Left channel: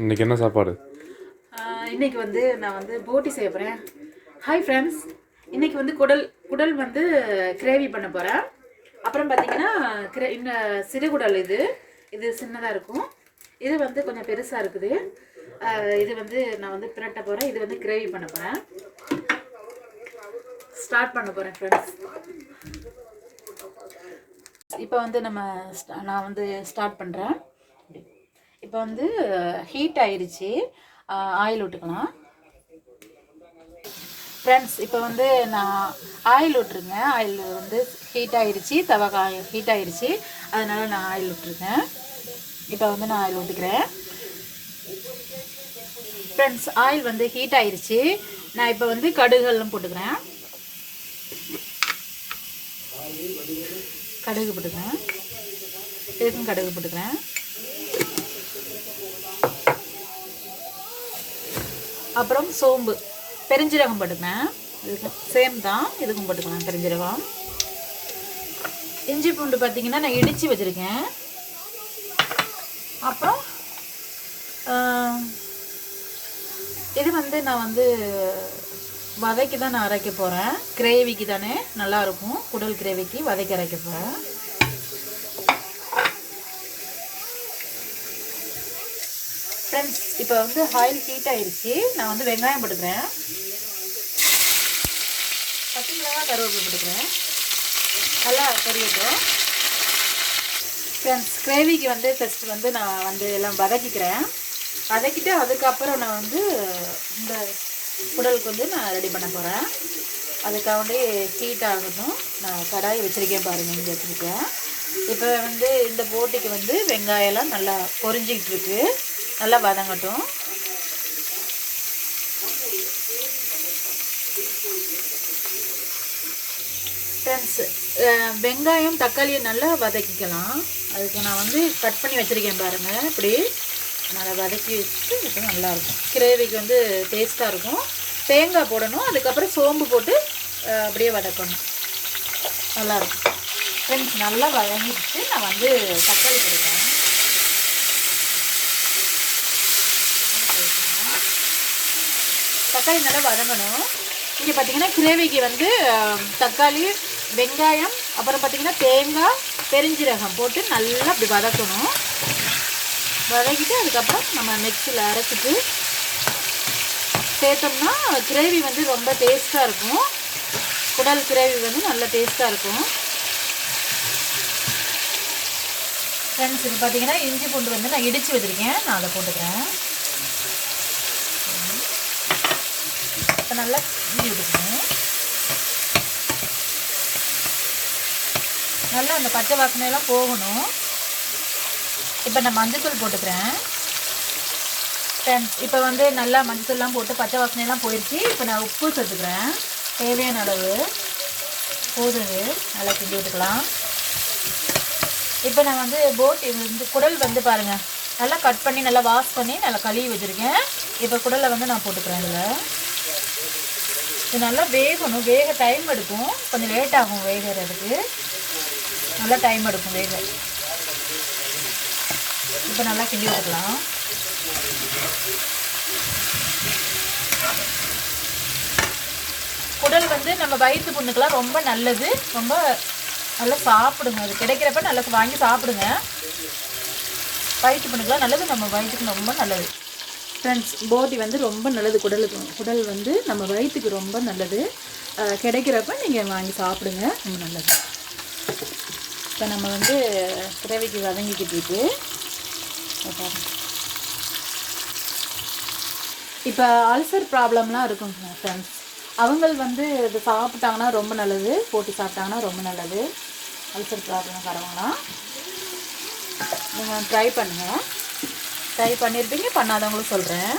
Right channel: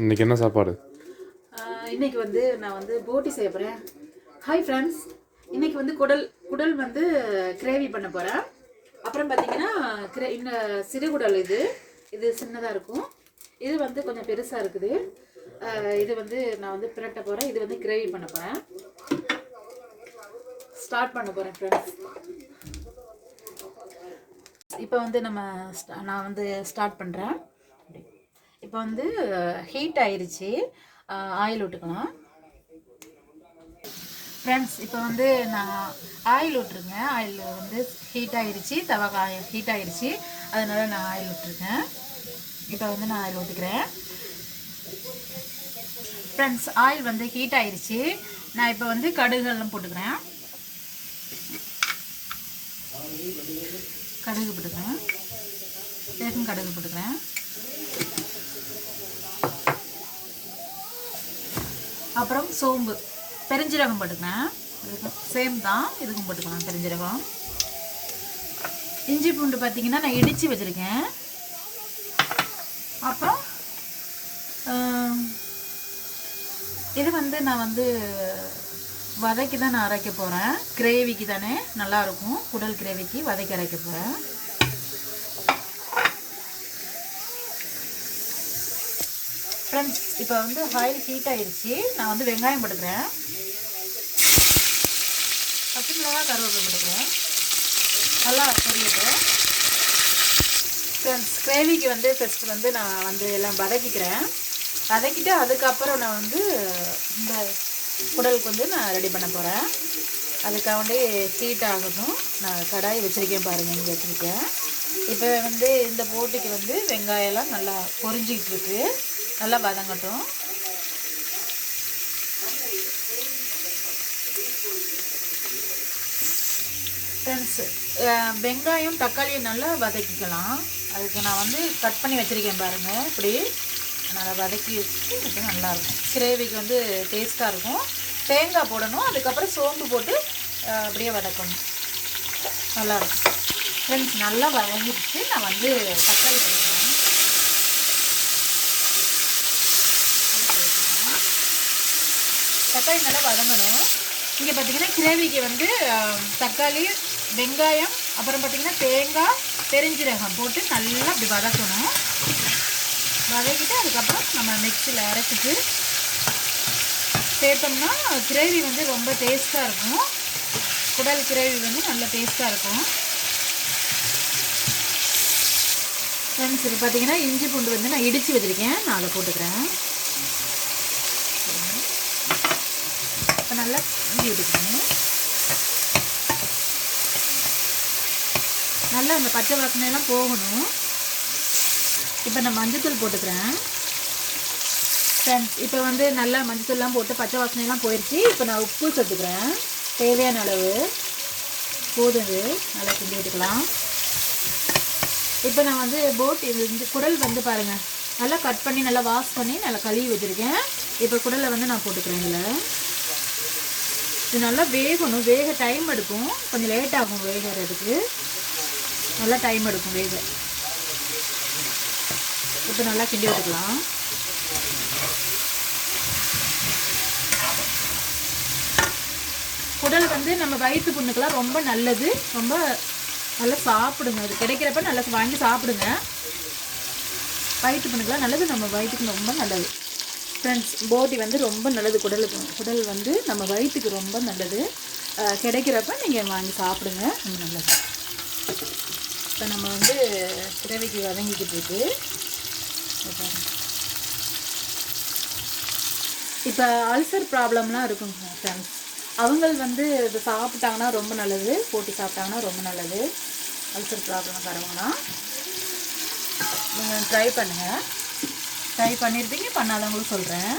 இன்னைக்கு என்ன சாப்பாடு? இன்னைக்கு வந்து நான் வந்து போட்டி செய்ய போகிறேன் ஹாய் ஃப்ரெண்ட்ஸ் இன்னைக்கு வந்து குடல் குடல் வந்து கிரேவி பண்ண போகிறேன் அப்புறம் பார்த்தீங்கன்னா கிரே இந்த சிறுகுடல் இது இது சின்னதாக இருக்கும். இது வந்து கொஞ்சம் பெருசாக இருக்குது. இது வந்து நான் வந்து பிரட்ட போகிறேன் இது வந்து கிரேவி பண்ண போகிறேன் ஸ்டார்ட் பண்ண போகிறேன் ஃப்ரெண்ட்ஸ் இப்போ வந்து நம்ம ஸ்டா- நான் வந்து ஸ்டார்ட் பண்ணுறேன் இப்போ வந்து ஹீட் ஆயிடுச்சு ஆயில் விட்டுக்கலாம் ஃப்ரெண்ட்ஸ் இப்போ வந்து நான் ஆயில் விட்ருக்கேன் ஆயில் வந்து ஹீட் ஆயிடுச்சு தவா காய ஹீட் ஆயிடுச்சு அதனால் நான் ஆயில் விட்டுருக்கேன் இப்போ வந்து நான் ஆயில் விட்டுக்கிறேன் ஃப்ரெண்ட்ஸ் ஆயில் வந்து ஹீட் ஆயிடுச்சு நான் இப்போ வந்து கடுகுலாம் போட்டுக்கிறேன். கடுகு போட்டுக்கிறேன். இதுக்கும் கடுகு போட்டுக்கிறேன். அப்புறம் சோம்பு. பெருஞ்சீரகம் போட்டுக்கிறேன் சேம் தான். இதுக்கும் போட்டுக்கலாம் பெருஞ்சீரகம். இஞ்சி பூண்டு பார்த்தீங்கன்னா நான் இடித்து வச்சுருக்கேன். அப்புறம் இது வந்து நான் வந்து வதக்கி தான் நான் அரைக்க போகிறேன் கிரேவிக்கு தானே நல்லாயிருக்கும் குடல் கிரேவிக்கு வதக்கி அரைக்க போகிறேன் ஃப்ரெண்ட்ஸ் இப்போ வந்து ஆயில் ஹீட் ஆயிருச்சு. நான் வந்து வெங்காயம் போட்டுக்கிறேன். பச்சை மிளகா கருவேப்பிலை போட்டுக்கிறேன். நல்லா கருவிட்டோம் ஃப்ரெண்ட்ஸ் கிரேவிக்கு வந்து ஃபஸ்ட்டு வந்து நான் வந்து எல்லாம் வதக்கிக்கிறேன். வதக்கிட்டு அதுக்கப்புறம் நான் வந்து இந்த குடலுக்கு வந்து நான் ரெடி பண்ண போகிறேன் அதுக்காண்டி ஹீட் ஆகணும் நான் கடாய் வச்சுருக்கேன் பாருங்கள் இங்கே வச்சுருக்கேன். இப்போ வந்து இந்த போட்டிக்கு வந்து வெங்காயம்லாம் நல்லா பொரிஞ்சிக்கிட்டு இருக்குது நல்லா வதங்கட்டும். ஃப்ரெண்ட்ஸ் வெங்காயம் தக்காளியை நல்லா வதக்கிக்கலாம். அதுக்கு நான் வந்து கட் பண்ணி வச்சுருக்கேன் பாருங்கள் இப்படி நல்லா வதக்கி வச்சுட்டு இப்போ நல்லாயிருக்கும். கிரேவிக்கு வந்து டேஸ்ட்டாக இருக்கும். தேங்காய் போடணும். அதுக்கப்புறம் சோம்பு போட்டு அப்படியே வதக்கணும். நல்லாயிருக்கும். ஃப்ரெண்ட்ஸ் நல்லா வதங்கிடுச்சு. நான் வந்து தக்காளி கொடுக்குறேன் தக்காளி நல்லா வதங்கணும். இங்கே பார்த்தீங்கன்னா கிரேவிக்கு வந்து தக்காளி வெங்காயம் அப்புறம் பார்த்தீங்கன்னா தேங்காய் பெருஞ்சீரகம் போட்டு நல்லா அப்படி வதக்கணும். வதக்கிட்டு அதுக்கப்புறம் நம்ம மிக்சியில் அரைச்சிட்டு சேர்த்தோம்னா கிரேவி வந்து ரொம்ப டேஸ்ட்டாக இருக்கும். குடல் கிரேவி வந்து நல்ல டேஸ்ட்டாக இருக்கும். ஃப்ரெண்ட்ஸ் இது பார்த்தீங்கன்னா இஞ்சி பூண்டு வந்து நான் இடித்து வச்சுருக்கேன். நான் அதை போட்டுக்கிறேன். இப்போ நல்லா கிண்டி விட்டுக்கணும் நல்லா அந்த பச்சை வாசனையெல்லாம் போகணும். இப்போ நான் மஞ்சத்தூள் போட்டுக்கிறேன். இப்போ வந்து நல்லா மஞ்சத்தூள்லாம் போட்டு பச்சை வாசனையெல்லாம் போயிடுச்சு இப்போ நான் உப்பு சேர்த்துக்கிறேன். தேவையான அளவு. போதுது நல்லா கிண்டி விட்டுக்கலாம் இப்போ நான் வந்து போட் இந்த குடல் வந்து பாருங்கள் நல்லா கட் பண்ணி நல்லா வாஷ் பண்ணி நல்லா கழுவி வச்சுருக்கேன். இப்போ குடலை வந்து நான் போட்டுக்கிறேன் இதில். இது நல்லா வேகணும். வேக டைம் எடுக்கும். கொஞ்சம் லேட் ஆகும் வேகிறதுக்கு. நல்லா டைம் எடுக்கும் வேக. இப்போ நல்லா கிண்டி எடுக்கலாம். குடல் வந்து நம்ம வயிற்று புண்ணுக்கெல்லாம் ரொம்ப நல்லது. ரொம்ப நல்லா சாப்பிடுங்க. அது கிடைக்கிறப்ப நல்லா வாங்கி சாப்பிடுங்க. வயிற்று புண்ணுக்கெல்லாம் நல்லது. நம்ம வயிற்றுக்கு ரொம்ப நல்லது. ஃப்ரெண்ட்ஸ் போட்டி வந்து ரொம்ப நல்லது. குடலுக்கு குடல் வந்து நம்ம வயிற்றுக்கு ரொம்ப நல்லது. கிடைக்கிறப்ப நீங்கள் வாங்கி சாப்பிடுங்க. ரொம்ப நல்லது. இப்போ நம்ம வந்து கிரவிக்கு வதங்கிக்கிட்டு இருக்கு. இப்போ அல்சர் ப்ராப்ளம்லாம் இருக்குங்க ஃப்ரெண்ட்ஸ் அவங்கள் வந்து இது சாப்பிட்டாங்கன்னா ரொம்ப நல்லது. போட்டி சாப்பிட்டாங்கன்னா ரொம்ப நல்லது. அல்சர் ப்ராப்ளம் வரவங்களாம் நீங்கள் ட்ரை பண்ணுங்கள் ட்ரை பண்ணியிருப்பீங்க பண்ணாதவங்களும் சொல்கிறேன்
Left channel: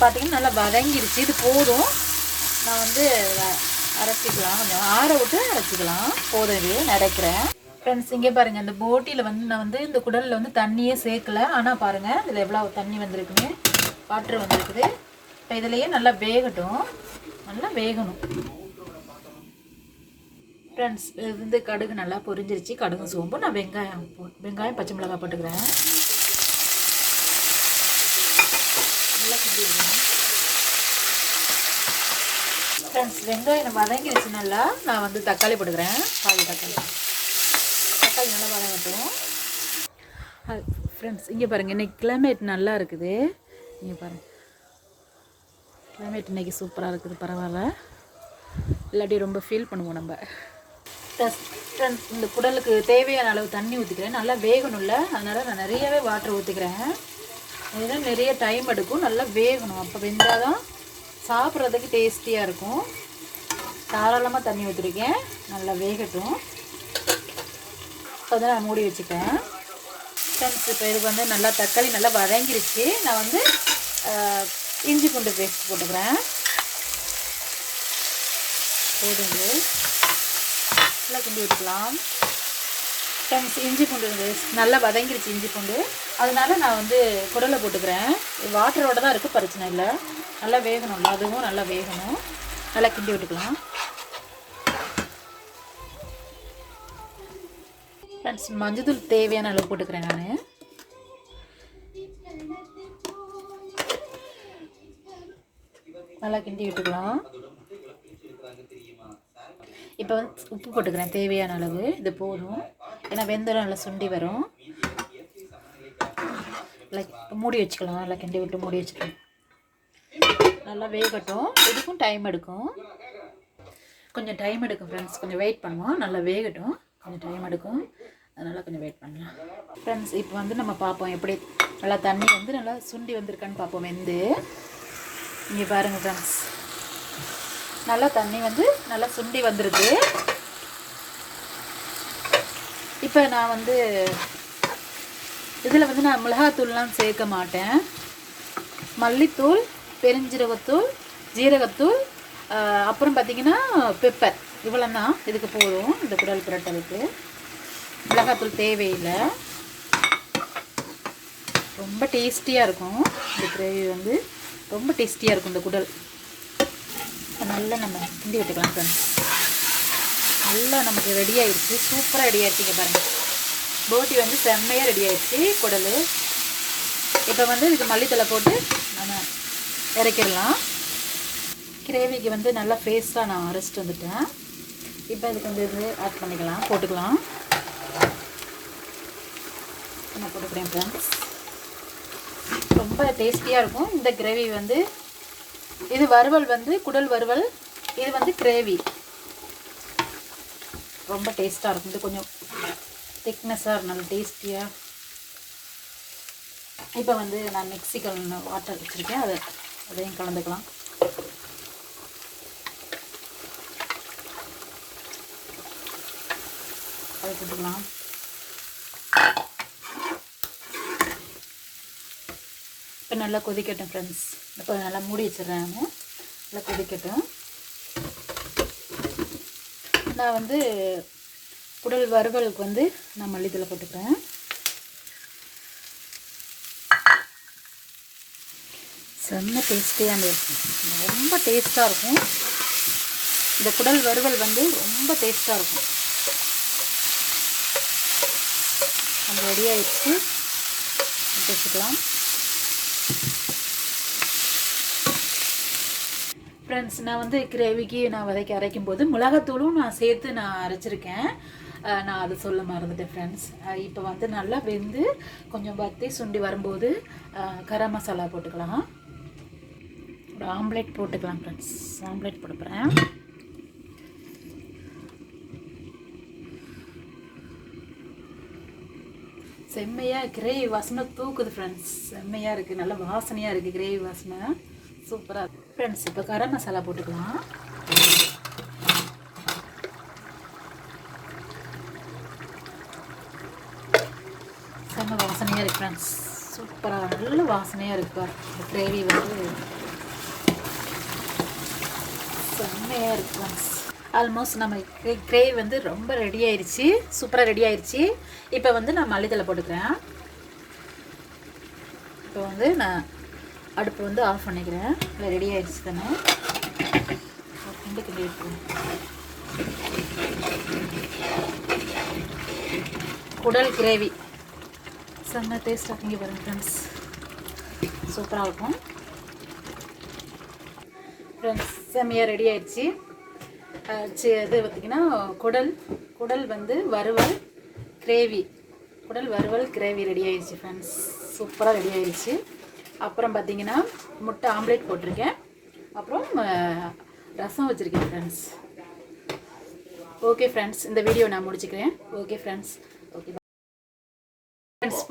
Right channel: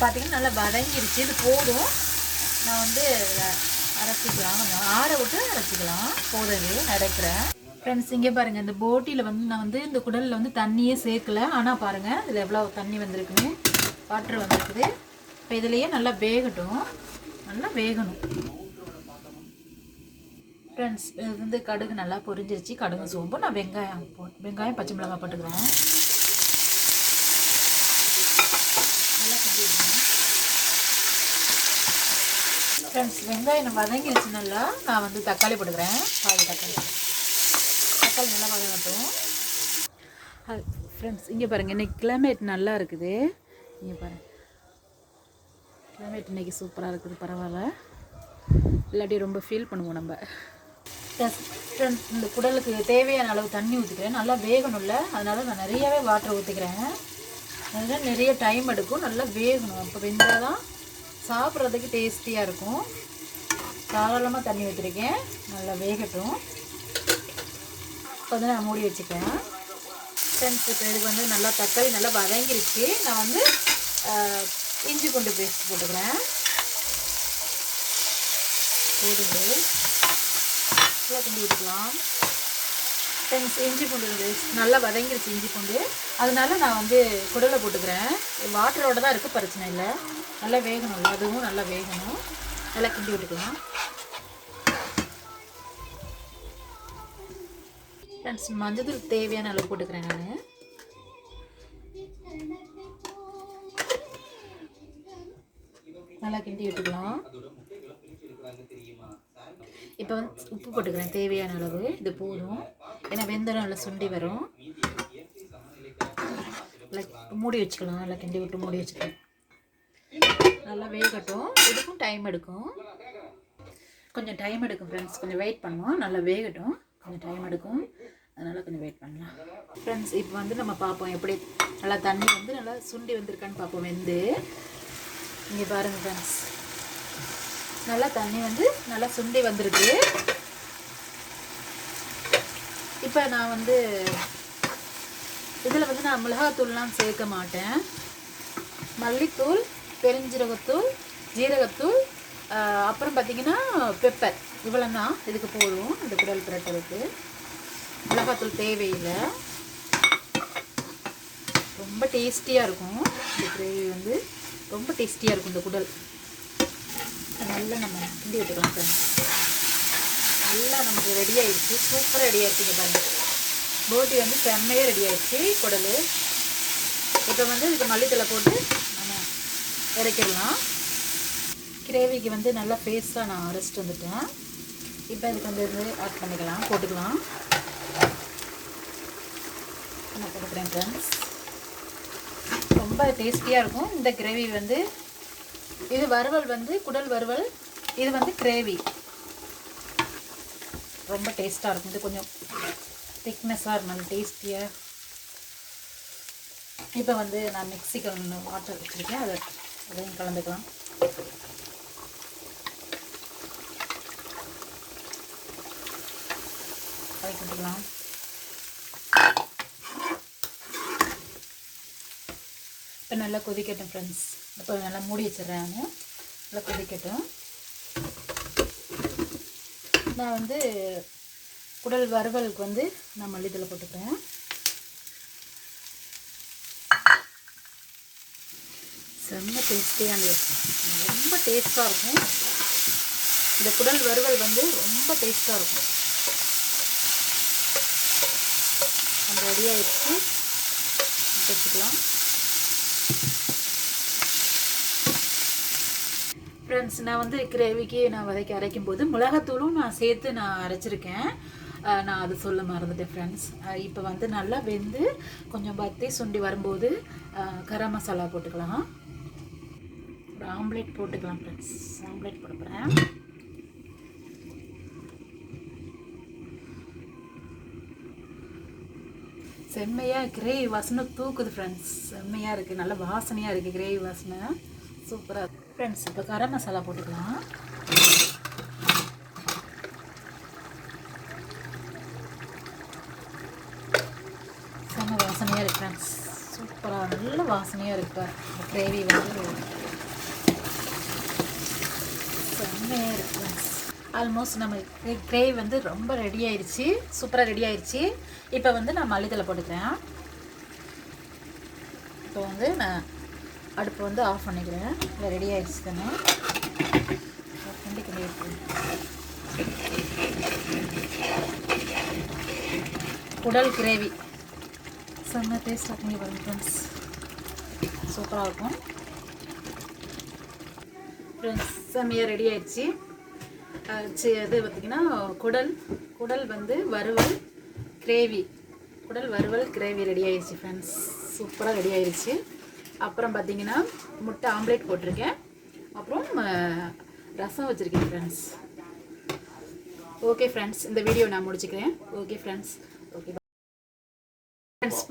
பார்த்தீங்கன்னா நல்லா வதங்கிருச்சு. இது போதும். நான் வந்து அரைச்சிக்கலாம். கொஞ்சம் ஆற விட்டு அரைச்சிக்கலாம். போதும் இது. நினைக்கிறேன் ஃப்ரெண்ட்ஸ் இங்கே பாருங்கள் இந்த போட்டியில் வந்து நான் வந்து இந்த குடலில் வந்து தண்ணியே சேர்க்கல. ஆனால் பாருங்கள் இதில் எவ்வளோ தண்ணி வந்திருக்குன்னு. வாட்டர் வந்திருக்குது. இப்போ இதுலேயே நல்லா வேகட்டும். நல்லா வேகணும். ஃப்ரெண்ட்ஸ் இது வந்து கடுகு நல்லா பொரிஞ்சிருச்சு. கடுகு சோம்பு. நான் வெங்காயம் போ வெங்காயம் பச்சை மிளகாய் போட்டுக்கிறேன். நல்லா கிண்டிடுவோம். ஃப்ரெண்ட்ஸ் வெங்காயம் வதங்கிடுச்சு நல்லா. நான் வந்து தக்காளி போட்டுக்கிறேன். பால் தக்காளி. தக்காளி நல்லா வதங்கட்டும். ஃப்ரெண்ட்ஸ் இங்கே பாருங்கள் இன்றைக்கி கிளைமேட் நல்லா இருக்குது. இங்கே பாருங்கள் கிளைமேட் இன்றைக்கி சூப்பராக இருக்குது பரவாயில்ல. இல்லாட்டி ரொம்ப ஃபீல் பண்ணுவோம் நம்ம. ஃப்ரெண்ட்ஸ் இந்த குடலுக்கு தேவையான அளவு தண்ணி ஊற்றிக்கிறேன் நல்லா வேகணும்ல. அதனால் நான் நிறையவே வாட்டர் ஊற்றிக்கிறேன் அதனால் நிறைய டைம் எடுக்கும். நல்லா வேகணும். அப்போ வெந்தால் தான் சாப்பிட்றதுக்கு டேஸ்டியாக இருக்கும். தாராளமாக தண்ணி ஊற்றிருக்கேன் நல்லா வேகட்டும். இப்போ வந்து நான் மூடி வச்சுக்கிறேன். ஃப்ரெண்ட்ஸ் இப்போ இதுக்கு வந்து நல்லா தக்காளி நல்லா வதங்கிருச்சு. நான் வந்து இஞ்சி பூண்டு பேஸ்ட் போட்டுக்கிறேன். போடுது நல்லா கிண்டி விட்டுக்கலாம் ஃப்ரெண்ட்ஸ் இஞ்சி பூண்டு நல்லா வதங்கிருச்சு இஞ்சி பூண்டு. அதனால நான் வந்து குடலை போட்டுக்கிறேன். வாட்டரோட தான் இருக்குது பிரச்சனை இல்லை. நல்லா வேகணும்ல அதுவும் நல்லா வேகணும். நல்லா கிண்டி விட்டுக்கலாம். ஃப்ரெண்ட்ஸ் மஞ்சள் தேவையான அளவு போட்டுக்கிறேன் நான். நல்லா கிண்டி விட்டுக்கலாம். இப்போ வந்து உப்பு போட்டுக்கிறேன் தேவையான அளவு. இது போதும். ஏன்னா வெந்தரம் நல்லா சுண்டி வரும். நல்லா மூடி வச்சுக்கலாம். நல்லா கிண்டி விட்டு மூடி வச்சுக்கலாம். நல்லா வேகட்டும். இதுக்கும் டைம் எடுக்கும். கொஞ்சம் டைம் எடுக்கும் ஃப்ரெண்ட்ஸ் கொஞ்சம் வெயிட் பண்ணுவோம். நல்லா வேகட்டும். கொஞ்சம் டைம் எடுக்கும். அதனால் கொஞ்சம் வெயிட் பண்ணலாம். ஃப்ரெண்ட்ஸ் இப்போ வந்து நம்ம பார்ப்போம் எப்படி நல்லா தண்ணி வந்து நல்லா சுண்டி வந்திருக்கான்னு பார்ப்போம். வெந்து. இங்கே பாருங்கள் ஃப்ரெண்ட்ஸ் நல்லா தண்ணி வந்து நல்லா சுண்டி வந்திருக்கு. இப்போ நான் வந்து இதில் வந்து நான் மிளகாத்தூள்லாம் சேர்க்க மாட்டேன். மல்லித்தூள் பெருஞ்சீரகத்தூள் ஜீரகத்தூள் அப்புறம் பார்த்தீங்கன்னா பெப்பர் இவ்வளோ தான் இதுக்கு போதும். இந்த குடல் புரட்டலுக்கு மிளகாத்தூள் தேவையில்லை. ரொம்ப டேஸ்டியாக இருக்கும். இந்த கிரேவி வந்து ரொம்ப டேஸ்டியாக இருக்கும் இந்த குடல். நல்லா நம்ம கிண்டி விட்டுக்கலாம் சார் நல்லா நமக்கு ரெடி ஆயிடுச்சு. சூப்பராக ரெடி ஆயிடுச்சுங்க பாருங்கள் போட்டி வந்து செம்மையாக ரெடி ஆயிடுச்சு குடல். இப்போ வந்து இதுக்கு மல்லித்தலை போட்டு நம்ம இறக்கிடலாம். கிரேவிக்கு வந்து நல்லா பேஸ்ட்டாக நான் அரைச்சிட்டு வந்துட்டேன். இப்போ இதுக்கு வந்து இது ஆட் பண்ணிக்கலாம் போட்டுக்கலாம். நான் போட்டுக்கிறேன் ஃப்ரெண்ட்ஸ் ரொம்ப டேஸ்டியாக இருக்கும். இந்த கிரேவி வந்து இது வறுவல் வந்து குடல் வறுவல் இது வந்து கிரேவி. ரொம்ப டேஸ்ட்டாக இருக்கும் இது கொஞ்சம் திக்னஸாக இருக்கும் டேஸ்டியாக இப்போ வந்து நான் மிக்சிக்கல் வாட்டர் வச்சுருக்கேன். அதை அதையும் கலந்துக்கலாம். அதை கொடுத்துக்கலாம் இப்போ நல்லா கொதிக்கட்டும் ஃப்ரெண்ட்ஸ் இப்போ நல்லா மூடி வச்சிடுறேன் நல்லா கொதிக்கட்டும். நான் வந்து குடல் வறுவலுக்கு வந்து நான் மல்லித்தலை போட்டுக்கிறேன். செம்ம டேஸ்டியாக இருக்கும் ரொம்ப டேஸ்ட்டாக இருக்கும். இந்த குடல் வறுவல் வந்து ரொம்ப டேஸ்ட்டாக இருக்கும். நம்ம ரெடியாக ஆயிடுச்சு. வச்சுக்கலாம். ஃப்ரெண்ட்ஸ் நான் வந்து கிரேவிக்கு நான் வதக்கி அரைக்கும் போது மிளகாத்தூளும் நான் சேர்த்து நான் அரைச்சிருக்கேன். நான் அது சொல்ல மறந்துட்டேன் ஃப்ரெண்ட்ஸ் இப்போ வந்து நல்லா வெந்து கொஞ்சம் பத்தி சுண்டி வரும்போது கரம் மசாலா போட்டுக்கலாம். ஒரு ஆம்லேட் போட்டுக்கலாம் ஃப்ரெண்ட்ஸ் ஆம்லேட் போட போகிறேன் செம்மையாக கிரேவி வாசனை தூக்குது ஃப்ரெண்ட்ஸ் செம்மையாக இருக்குது நல்ல வாசனையாக இருக்குது கிரேவி வாசனை. சூப்பராக இருக்கு. ஃப்ரெண்ட்ஸ் இப்போ கரம் மசாலா போட்டுக்கலாம். செம்ம வாசனையாக இருக்கு ஃப்ரெண்ட்ஸ் சூப்பராக நல்ல வாசனையாக இருக்கு இந்த கிரேவி வந்து. செம்மையாக இருக்கும் ஆல்மோஸ்ட் நம்ம கிரேவி வந்து ரொம்ப ரெடி ஆயிடுச்சு சூப்பராக ரெடி ஆயிடுச்சு இப்போ வந்து நான் மல்லித்தலை போட்டுக்கிறேன். இப்போ வந்து நான் அடுப்பு வந்து ஆஃப் பண்ணிக்கிறேன். ரெடி ஆயிடுச்சு தானே? கிண்டி கிண்டி குடல் கிரேவி. செம்ம டேஸ்ட்டாக இங்கே பாருங்க ஃப்ரெண்ட்ஸ் சூப்பராக இருக்கும். ஃப்ரெண்ட்ஸ் செம்மையாக ரெடி ஆயிடுச்சு. சி- இது பார்த்திங்கன்னா குடல். குடல் வந்து வறுவல் கிரேவி. குடல் வறுவல் கிரேவி ரெடி ஆயிடுச்சு ஃப்ரெண்ட்ஸ் சூப்பராக ரெடி ஆயிடுச்சு. அப்புறம் பார்த்தீங்கன்னா முட்டை ஆம்லேட் போட்டிருக்கேன். அப்புறம் ரசம் வச்சுருக்கேன் ஃப்ரெண்ட்ஸ் ஓகே ஃப்ரெண்ட்ஸ் இந்த வீடியோ நான் முடிச்சுக்கிறேன். Okay friends okay friends